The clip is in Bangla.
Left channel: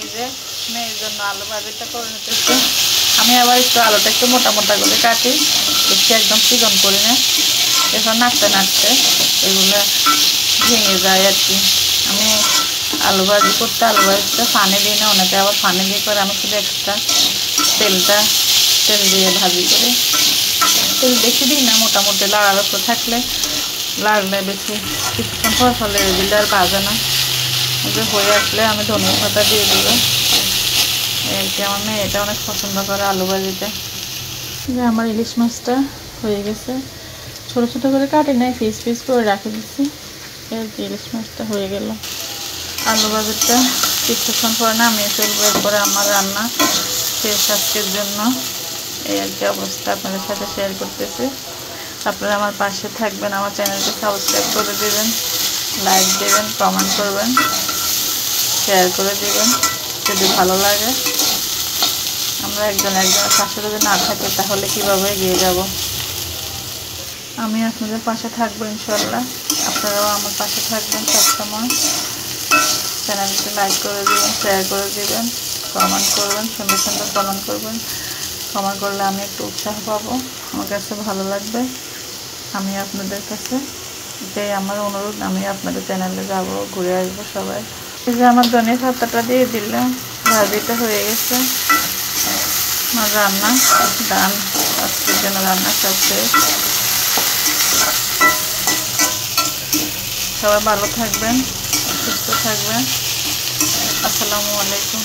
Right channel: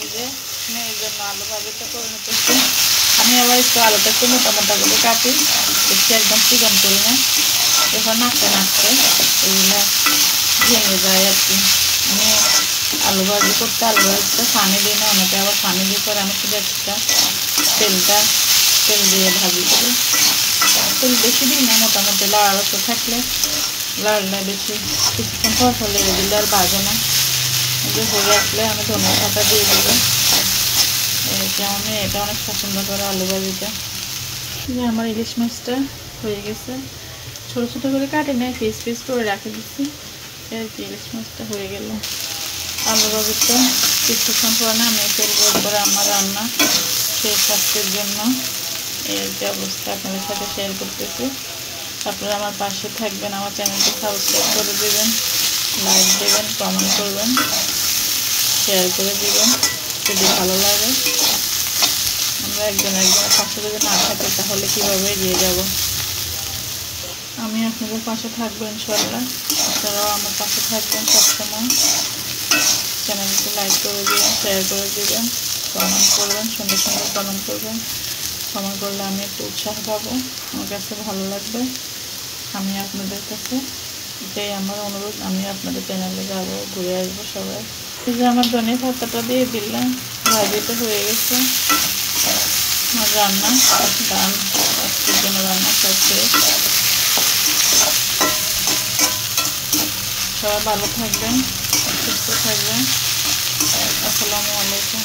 এই যে মেয়ের জন্য আলু ভাজিটা করে নিতেছি। আমি আবার একটু আলুটা একটু মোটা মোটা করে কাটি, বেশি একদম চিকন করি না। এখন নাড়তে নাড়তে এগুলো ভেঙে যায় আর কি। আমি আলু ভাজি করতে আলু ভাজিতে পানি দিই না, অনেকে আবার পানি দিয়ে করে। আমি শুধু এক্সট্রা তেল দিয়ে ভাজি করি। তেল বেশি দিই না, মোটামুটি লাড়ার উপর থাকলে লাড়লে বেশি কিছুক্ষণ পর ফলে দিলে আর ভাজে না। যে হয়ে আসলে আমি ধনে পাতা দিয়ে দেবো। এই যে আমার মেয়ে এটা অনেক পছন্দ করে আলু ভাজিতে। যে আমার ইলিশ মাছটা হয়ে গেছে, ছোটো ছোটো করে কাটি নাই, পিস পিস করে রেখে দিচ্ছি। এই যে ইলিশ মাছটা হয়ে গেল। আলু ভাজিটা কিছুক্ষণ পরে নামিয়ে ফেলবো। এরপরে আমার রান্না শেষ আজকের জন্য। এই আর কি অবস্থা আপনাদের সাথে শেয়ার করতেছি। আপনারা আমার পাশে থাকবেন, আমার চ্যানেলটি সাবস্ক্রাইব করে দেবেন, লাইক দেবেন, কমেন্ট করবেন, শেয়ার করে দেবেন যদি ভালো লাগে। আমরা একজনের পাশে যদি না থাকি তাহলে কীভাবে এগিয়ে যাব। আমি আপনাদের পাশে থাকবো ইনশাল্লাহ। আপনারাও আমার পাশে থাকবেন সবসময়। চ্যানেলটি লাইক করে দিবেন, শেয়ার করে দিবেন, কমেন্ট করবেন, সুন্দর সুন্দর কমেন্ট করবেন। কমেন্ট করলে আমি একটু উৎসাহ পাবো, আমার কাছে ভালো লাগবে। আমি আপনাদের কাছে এটাই আমার অনুরোধ। আমি আপনাদের চ্যানেলে যাব, ঘুরে আসবো সবাই। এই যে আমার ধনিয়া পাতাটা দিয়ে দিলাম, ভাজিটা হয়ে গেছে। আমার রান্না ডান, আজকের জন্য রান্না সব শেষ। সবাই ভালো থাকবেন, সুস্থ থাকবেন। আসসালামু আলাইকুম।